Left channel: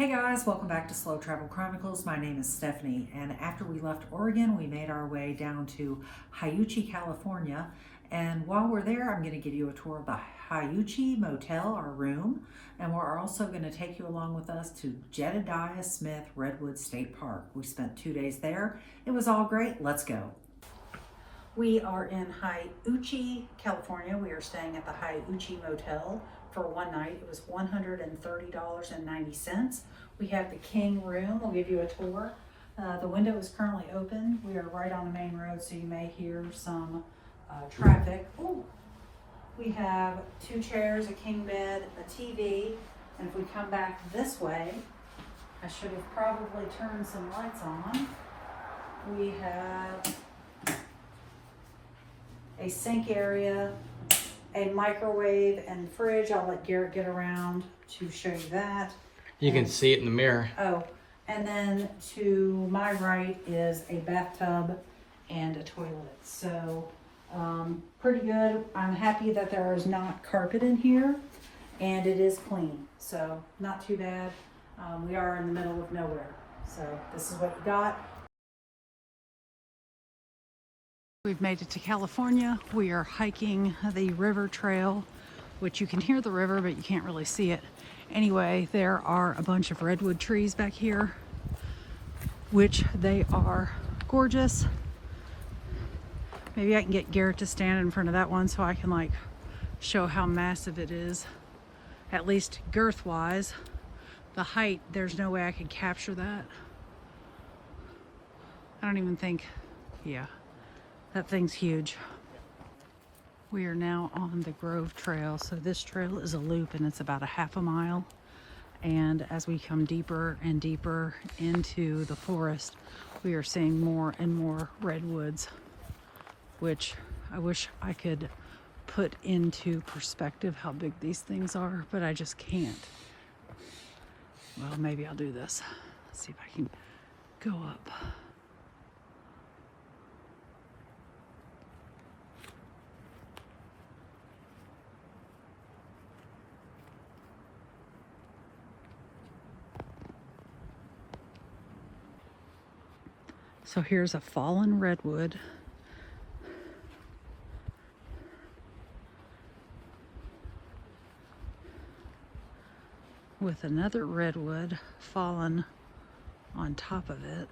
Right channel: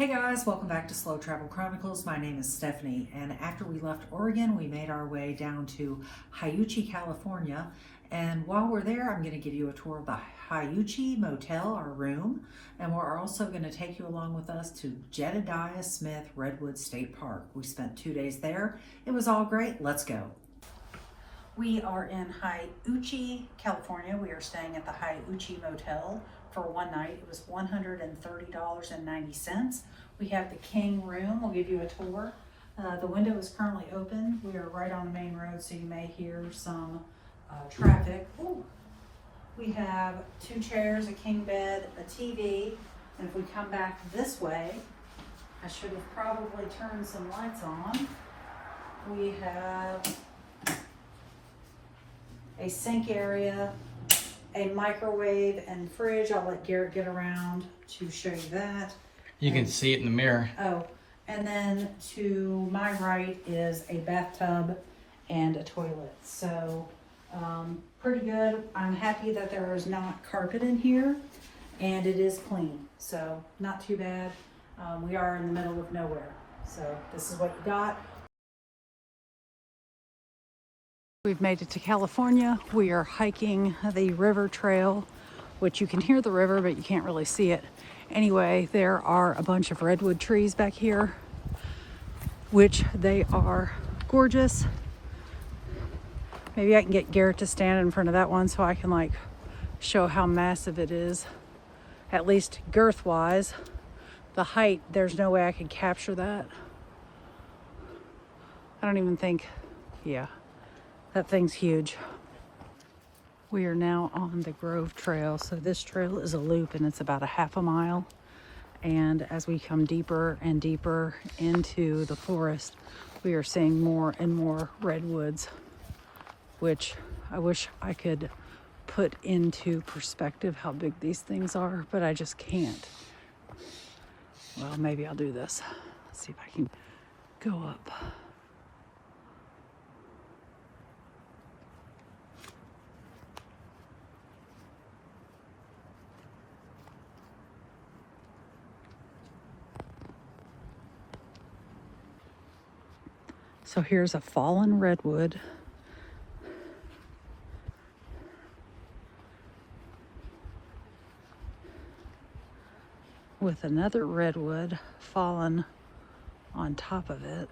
Hey guys, welcome back to Slow Travel Chronicles. My name is Stephanie, and after we left Oregon, we made our way down to Hiouchi, California. And while we're there, I'm going to give you a tour of the Hiouchi Motel, our room, and we're also going to take you along with us to Jedediah Smith Redwoods State Park. We spent 2 days there. It was all great. Let's go. We are in Hiouchi, California. We are staying at the Hiouchi Motel for one night. It was $130.90. We have the king room. We'll give you a tour. The window is currently open. We are right on the main road, so you may hear some traffic. Ooh. We have 2 chairs, a king bed, a TV, and if we come back this way, I should have probably turned some lights on. We have a sink area, a microwave and fridge. I'll let Garrett get around to show you that. You can see it in the mirror. Oh, and then to my right is a bathtub and a toilet. So pretty good. I'm happy that there is not carpet in here, and it is clean. So not too bad. We are in the middle of nowhere. So this is what you got. We've made it to California. We are hiking the river trail, which you can hear the river, but you can't really see it. Anyway, there are a bunch of redwood trees back here, which they are gorgeous. Maybe I can get Garrett to stand in front of that one so I can like show how massive it is, at least girth wise. The height, there's no way I could capture that. I don't even think, yeah. That thing's huge. We are now on the Grove Trail. So this trail is a loop and it's about a half a mile. And as we come deeper and deeper into the forest, we are seeing more and more redwoods, which I wish I could put into perspective how big these things are, but I just can't. Well, maybe I'll do this. Let's see if I can go up. So here's a fallen redwood. With another redwood fallen on top of it.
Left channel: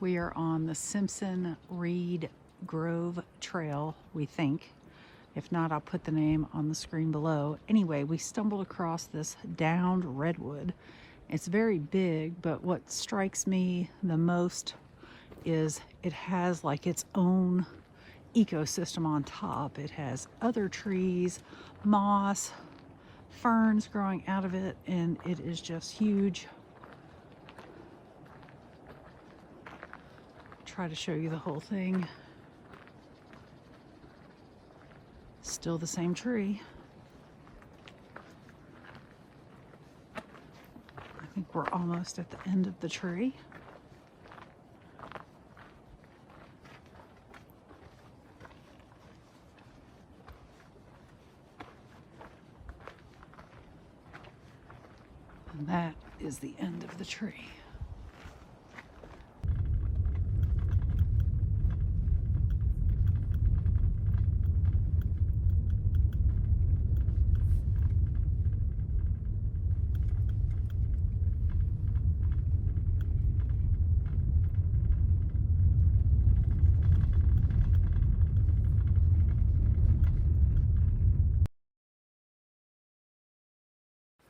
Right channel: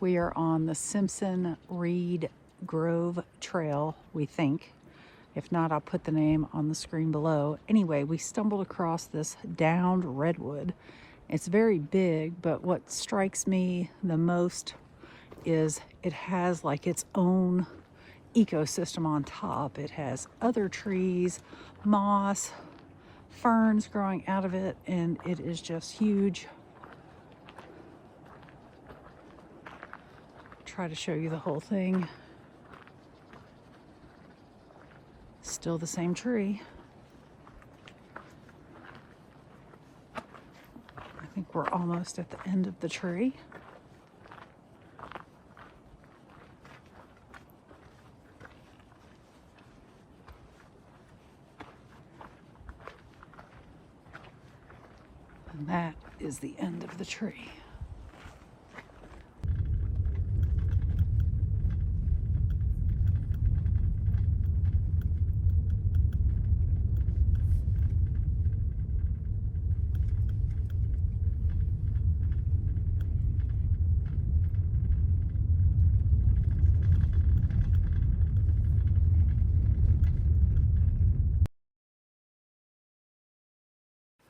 We are on the Simpson Reed Grove Trail, we think. If not, I'll put the name on the screen below. Anyway, we stumbled across this downed redwood. It's very big, but what strikes me the most is it has like its own ecosystem on top. It has other trees, moss, ferns growing out of it, and it is just huge. Try to show you the whole thing. Still the same tree. I think we're almost at the end of the tree. And that is the end of the tree.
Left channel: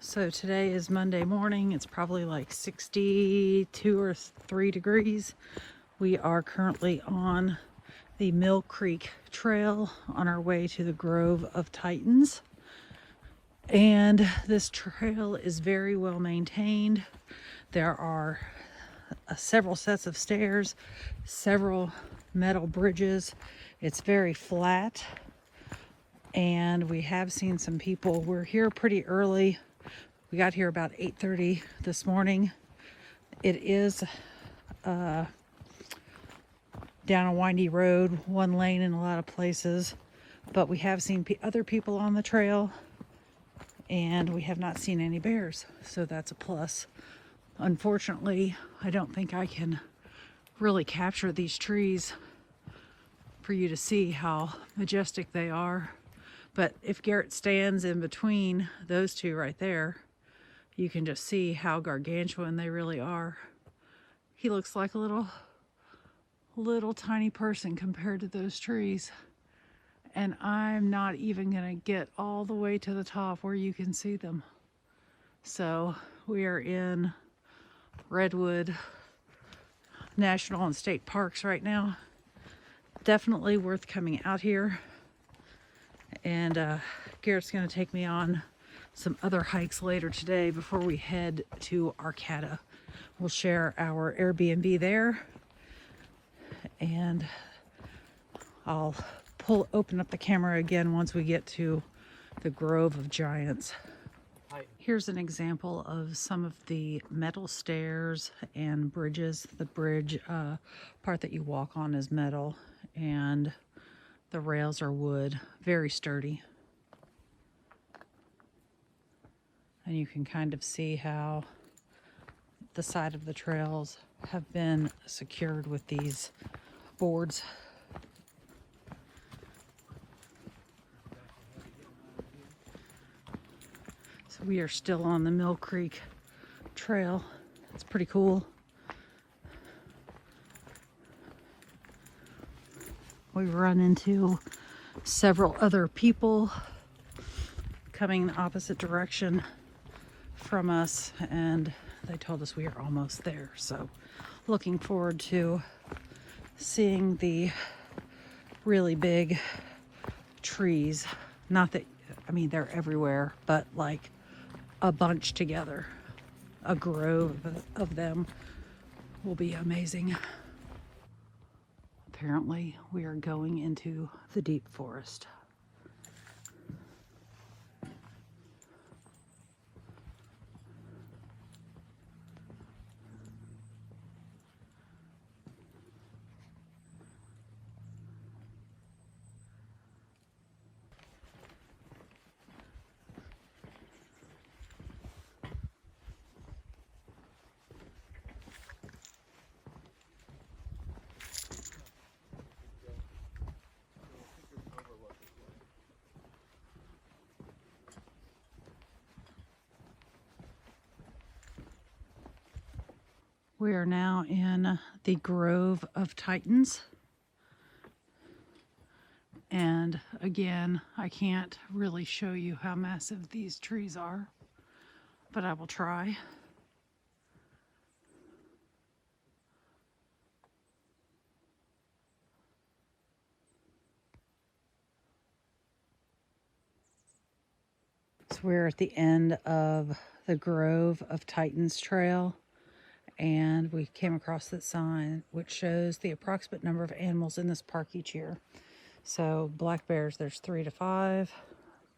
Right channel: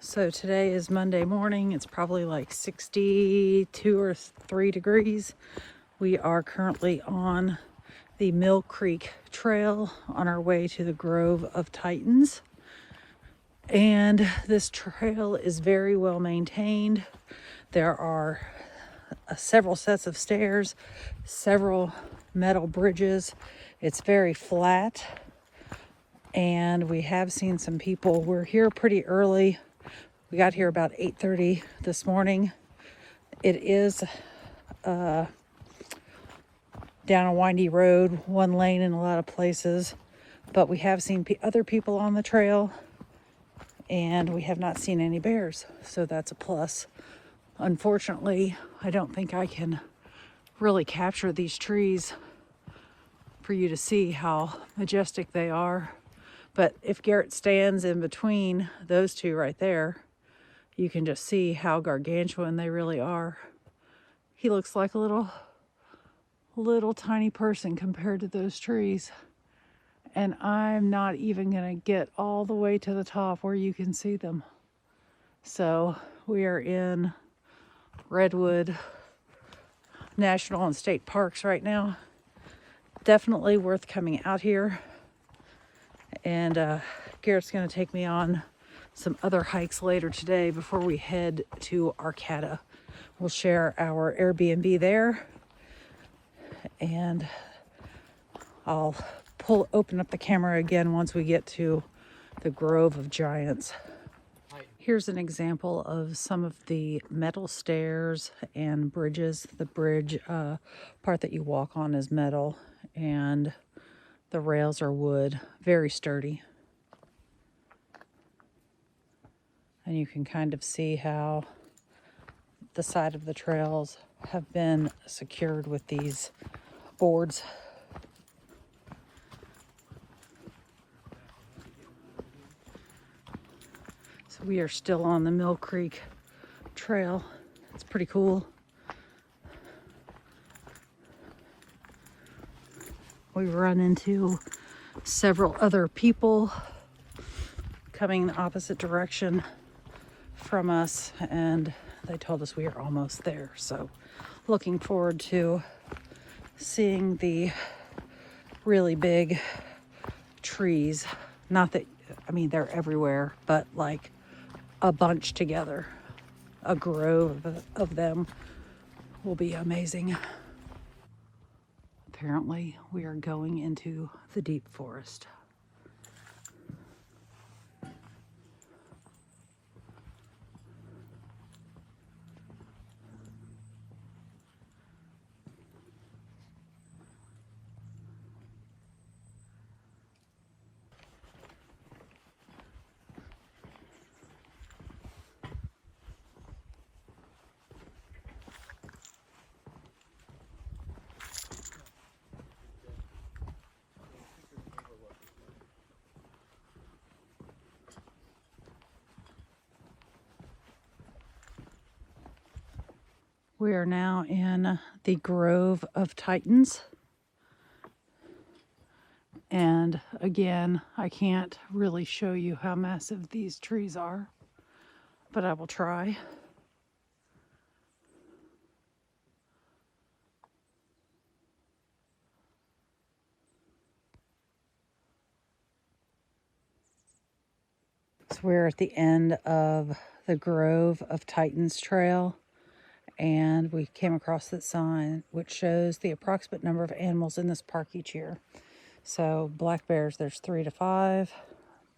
So today is Monday morning. It's probably like 62 or 3 degrees. We are currently on the Mill Creek Trail on our way to the Grove of Titans. And this trail is very well maintained. There are several sets of stairs, several metal bridges. It's very flat. And we have seen some people. We're here pretty early. We got here about 8:30 this morning. It is down a windy road, one lane in a lot of places, but we have seen other people on the trail, and we have not seen any bears, so that's a plus. Unfortunately, I don't think I can really capture these trees for you to see how majestic they are, but if Garrett stands in between those two right there, you can just see how gargantuan they really are. He looks like a little tiny person compared to those trees. And I'm not even gonna get all the way to the top where you can see them. So we are in Redwood National and State Parks right now. Definitely worth coming out here. And Garrett's gonna take me on some other hikes later today before we head to Arcata. We'll share our Airbnb there, and I'll open up the camera again once we get to the Grove of Giants. Here's an example of some of the metal stairs and bridges. The bridge part that you walk on is metal, and the rails are wood, very sturdy. And you can kind of see how the side of the trails have been secured with these boards. So we are still on the Mill Creek Trail. It's pretty cool. We run into several other people coming in the opposite direction from us, and they told us we are almost there. So looking forward to seeing the really big trees. Not that, I mean, they're everywhere, but like a bunch together, a grove of them will be amazing. Apparently we are going into the deep forest. We are now in the Grove of Titans. And again, I can't really show you how massive these trees are, but I will try. So we're at the end of the Grove of Titans trail, and we came across that sign which shows the approximate number of animals in this park each year. So black bears, there's 3 to 5,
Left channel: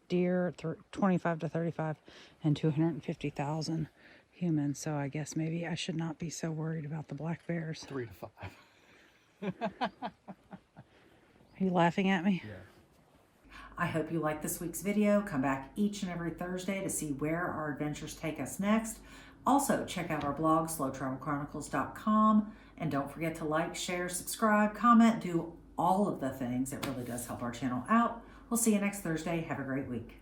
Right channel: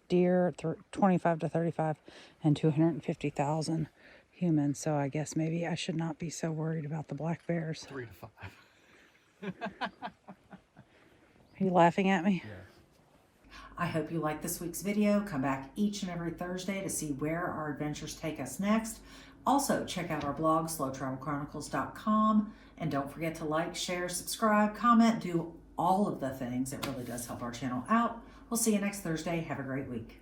deer 25 to 35, and 250,000 humans. So I guess maybe I should not be so worried about the black bears. 3 to 5. Are you laughing at me? Yeah. I hope you liked this week's video. Come back each and every Thursday to see where our adventures take us next. Also, check out our blog, slowtravelchronicles.com. And don't forget to like, share, subscribe, comment, do all of the things. It really does help our channel out. We'll see you next Thursday. Have a great week.